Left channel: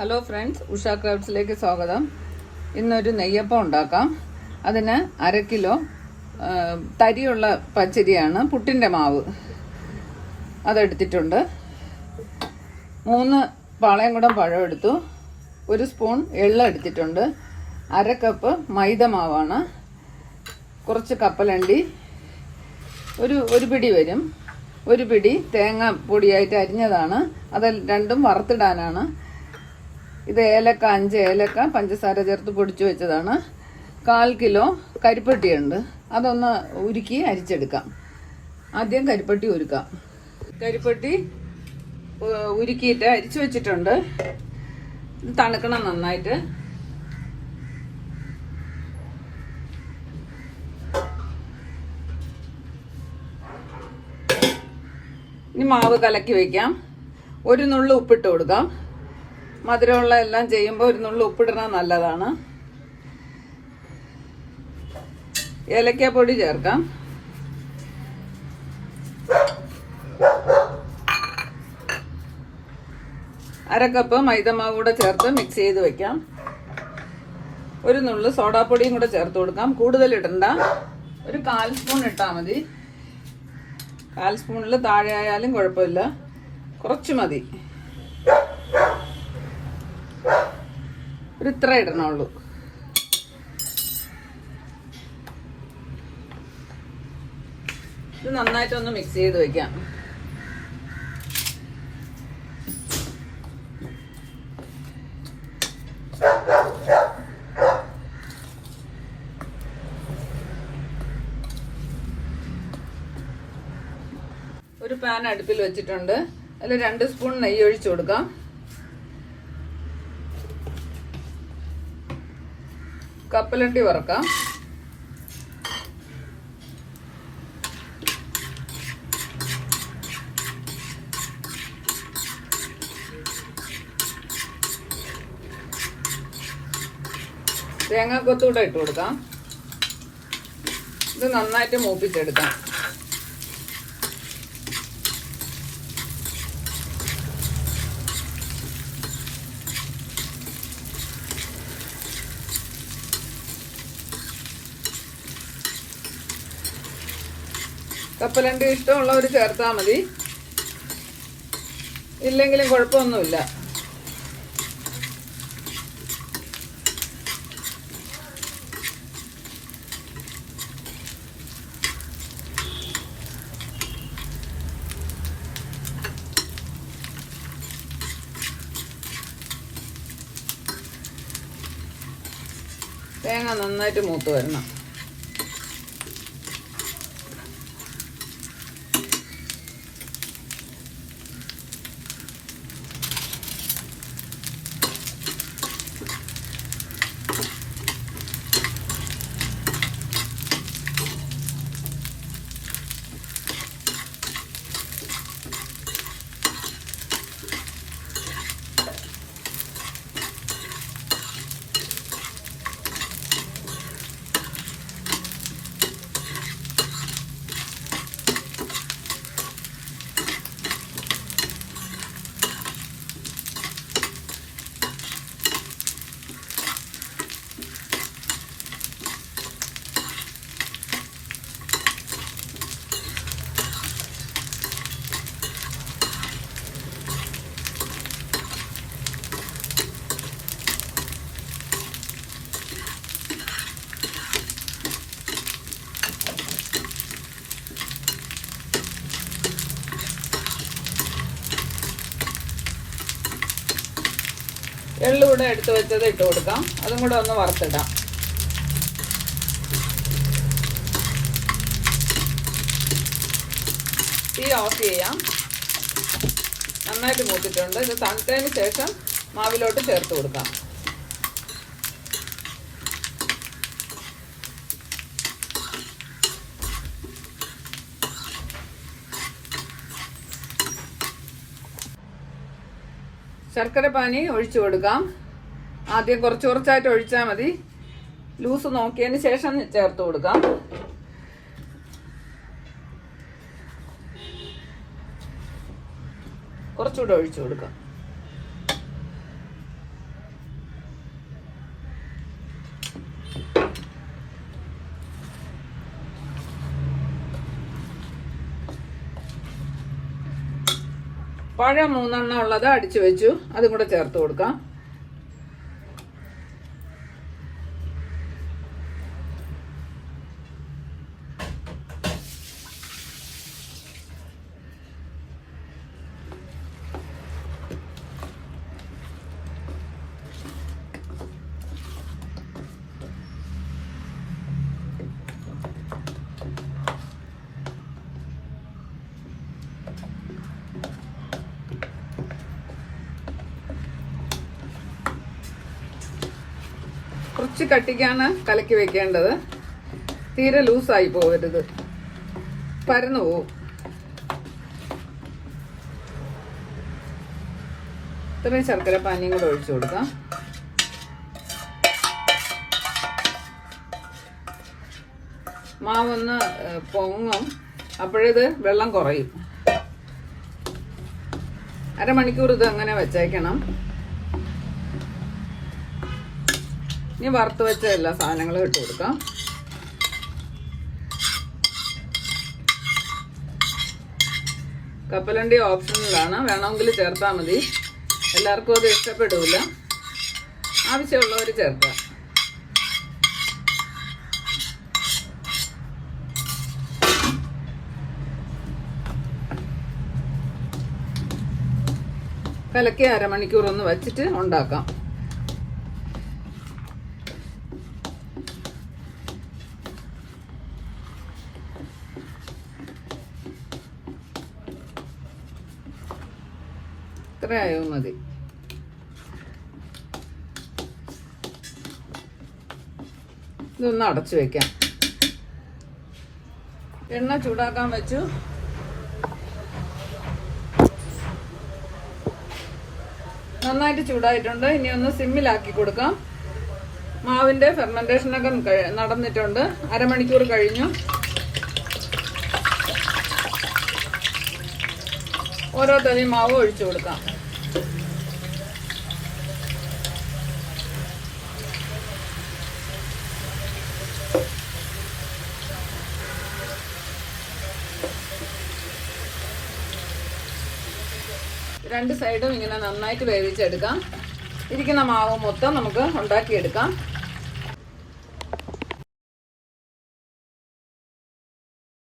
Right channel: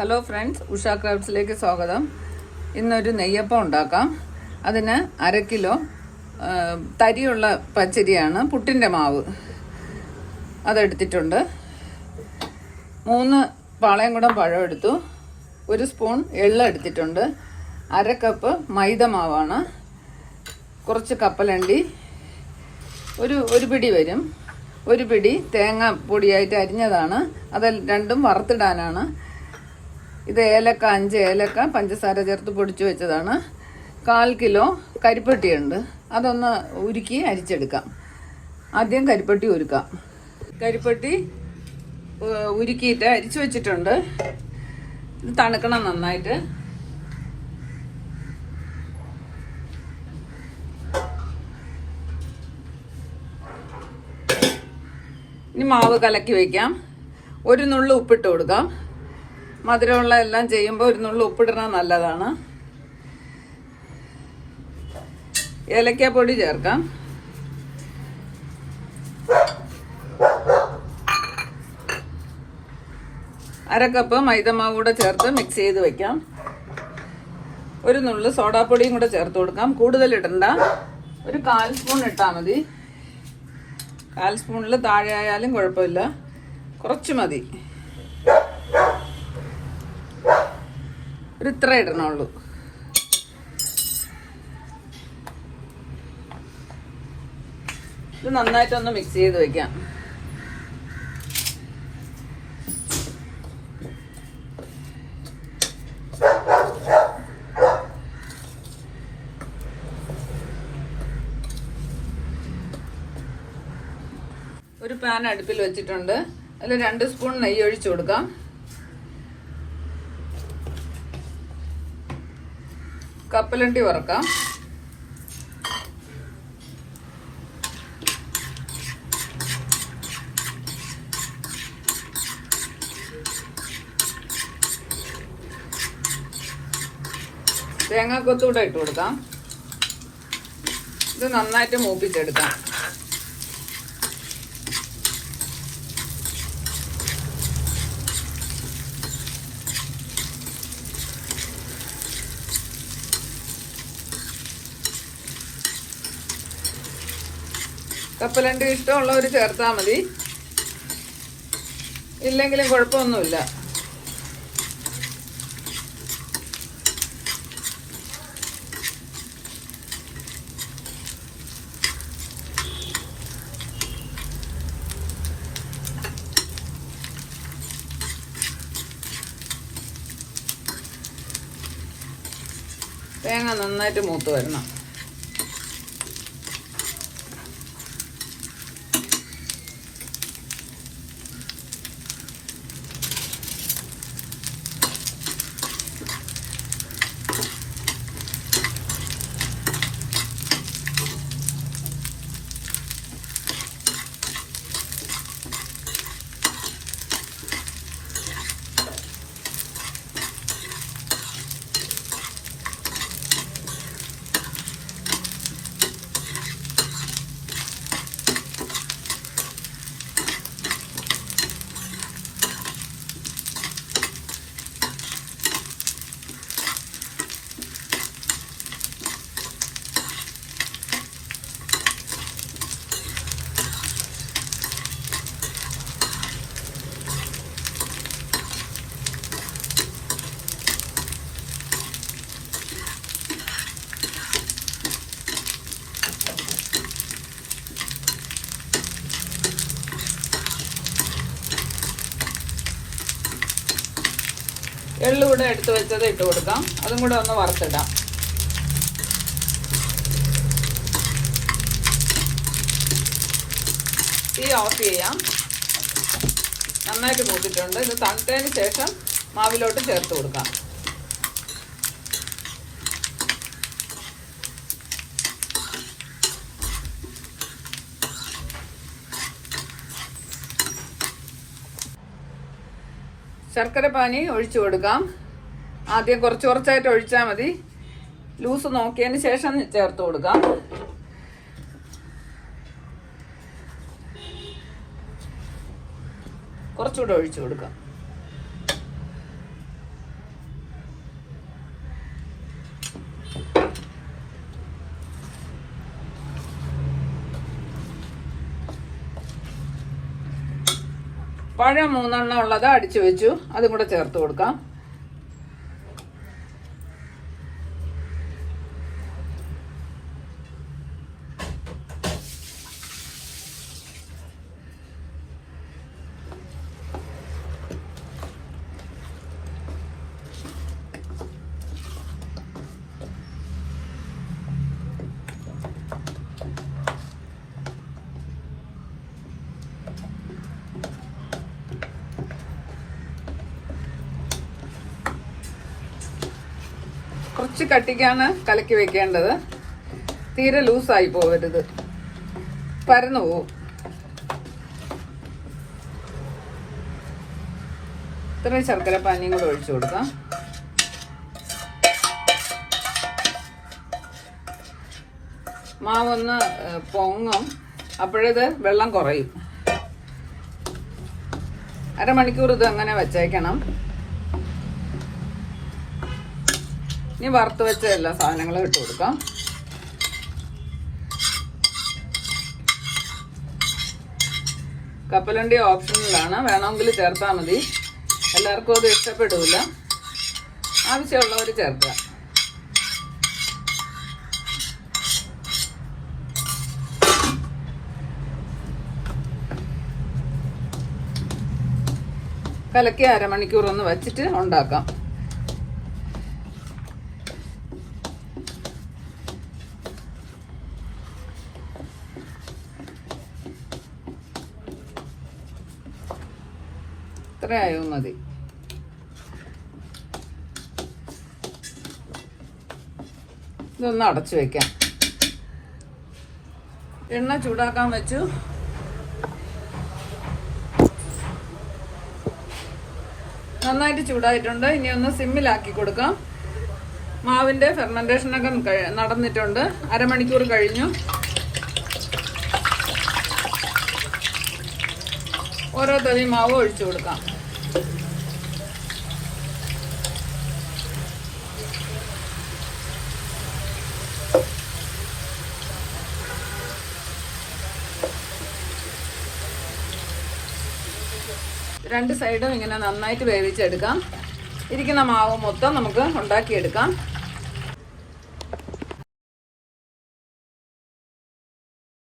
Hello friends Usha ക്രൗഡ്സിലേക്ക് സ്വാഗതം. ഇന്നൊരു നെയ്യപ്പം ഉണ്ടാക്കാം. അതിന് അര കിലോ തരിയുള്ള പച്ചരിയാണ് പുട്ടിന്റെ മാവ്. അതെടുത്തിട്ടുണ്ട്. മൂന്ന് പാളയം കൂടെ പഴം എടുത്തു. ഒരു സ്പൂൺ എള്ള എടുത്തിട്ടുണ്ട്. അര കപ്പ് മൈദ മാവാണ്. കുറച്ച് കപ്പലണ്ടി ഒരു ഒരു പിടി വരും. ഒരു പിടി തേങ്ങ പൊടിയായിട്ട് അരിഞ്ഞതാണ്. അത് രണ്ടും വറുത്തിടാനാണ്. ഇത് ഏലക്ക അഞ്ച് ഏലക്ക പഞ്ചസാര ചേർത്ത് പൊടിച്ചു വെച്ചതാണ്. കാൽ കിലോ കരിപ്പട്ടിയുണ്ട് അതൊന്ന് ഉരുക്കി അരിച്ചെടുക്കാം. ആദ്യം കരിപ്പട്ടി ഉരുക്കാം. കരിപ്പട്ടി ഉരുക്കിയിട്ട് അരിച്ചു വെച്ചിട്ടുണ്ട്. തണുക്കണം നന്നായിട്ട്. ഇനി മാവ് കലക്കി വെക്കാം. ഒരു നുള്ളു ഉപ്പിട്ട് കൊടുക്കാം. മധുരമുള്ള എല്ലാം ചെയ്യുമ്പോൾ ഒരു നുള്ളു ഉപ്പിടണം നല്ലതാണ്. ഏലക്കാപ്പൊടി ചേർക്കാം. അരക്കപ്പ് മൈദമാവ് കൂടെ ചേർത്ത് മിക്സ് ചെയ്ത് വെക്കാം. ഒരു നുള്ളു സോഡാപ്പൊടിയും കൂടെ ചേർത്ത് കൊടുക്കാം. കൂടുതൽ ഇടണ്ട. ഒരു കാൽ സ്പൂൺ ഇട്ടാൽ മതി. കാൽ സ്പൂണിൽ താഴെ ആയാലും കുഴപ്പമില്ല. കുറച്ച് മതി. ഇത്ര ഇടണുള്ളൂ. ഇത് നന്നായിട്ടൊന്ന് മിക്സ് ചെയ്ത് വെക്കാം. ഒരു പാൻ അടുപ്പിൽ വെച്ചിട്ടുണ്ട്. അതിൽ രണ്ട് സ്പൂൺ നെയ്യ് ഒഴിച്ചു കൊടുക്കാം. കപ്പലണ്ടി വറക്കാം. തേങ്ങാക്കൊത്തൂടെ ഇട്ട് കൊടുക്കാം. ഇത് നന്നായിട്ട് മൂപ്പിച്ചെടുക്കാം. കപ്പലണ്ടി ഇഷ്ടമുള്ളവർ ചേർത്താൽ മതി. ഇല്ലെങ്കിലും കുഴപ്പമൊന്നുമില്ല. തേങ്ങ നന്നായിട്ട് മൂത്ത് വരണം. എള്ളു കൂടെ എടുത്ത് വെച്ചത് ഇട്ട് കൊടുക്കാം. അതും കൂടെ ഒന്ന് വറുത്തിടാം. തീ ഓഫ് ചെയ്യാം. നന്നായിട്ട് മൂത്തിട്ടുണ്ട്. ഇത് തണുത്തതിന് ശേഷം മാവിലോട്ട് ചേർത്ത് കൊടുക്കാം. ശർക്കര പാനി ഒഴിച്ചു കൊടുക്കാം. ആദ്യം കുറച്ച് കുറച്ചായിട്ട് ഒഴിച്ചാൽ മതി. ലൂസ് നോക്കിയതിന് ശേഷം ചേർത്ത് കൊടുക്കാം. കുറച്ചുകൂടെ ഒഴിച്ചു കൊടുക്കാം. പഴയ മൂന്നെണ്ണം ഉള്ളത് അടിച്ചു വെച്ചു. അതും കൂടെ ചേർത്ത് കൊടുക്കാം. കുറച്ച് കട്ടിക്കാണ് കലക്കി വെക്കേണ്ടത്. തീരെ ലൂസായി പോകരുത്. പരന്നു പോവും. ഇത്രയും ശർക്കര പാനിയും കൂടെ ഒഴിച്ചു കൊടുക്കാം. മാവൊന്ന് പൊങ്ങും. അപ്പോഴത് വെള്ളം കുറയും. അരമണിക്കൂർ ഇത് അങ്ങനെ വെച്ചേക്കണം. ഇനി വറുത്ത് വെച്ച എല്ലാ സാധനങ്ങളും ഇട്ട് കൊടുക്കാം. കപ്പലണ്ടി ഓപ്ഷനിലാണ്. വേണമെങ്കിൽ ചേർത്താൽ മതി. എല്ലാവർക്കും അത് ഇഷ്ടപ്പെടില്ല ആവശ്യമുള്ളവർ ചേർക്കുക. കലക്കി അരമണിക്കൂർ ഒന്ന് വെച്ചിട്ട് ഉണ്ടാക്കാം. ഇത്രയായോ മതി. ഇതൊന്ന് അടച്ചു വെക്കാം. എണ്ണ ചൂടാക്കാൻ വെച്ചു. നന്നായിട്ട് ചൂടായിട്ടുണ്ട്. ഇനി ഒന്ന് സിമ്മിലാക്കി കൊടുക്കാം. മാവിന്റെ ഫെർമെന്റേഷനൊക്കെ നടന്നിട്ടുണ്ട്. അരമണിക്കൂർ കഴിഞ്ഞു. ഓരോ തവി മാവ് ഒഴിച്ചു കൊടുക്കാം. രണ്ട് സൈഡും ഇങ്ങനെ നന്നായിട്ട് വേവിച്ചെടുക്കാം. ഇരിക്കുന്ന മാവ് മൊത്തം നമുക്ക് ഉണ്ടാക്കിയെടുക്കാം.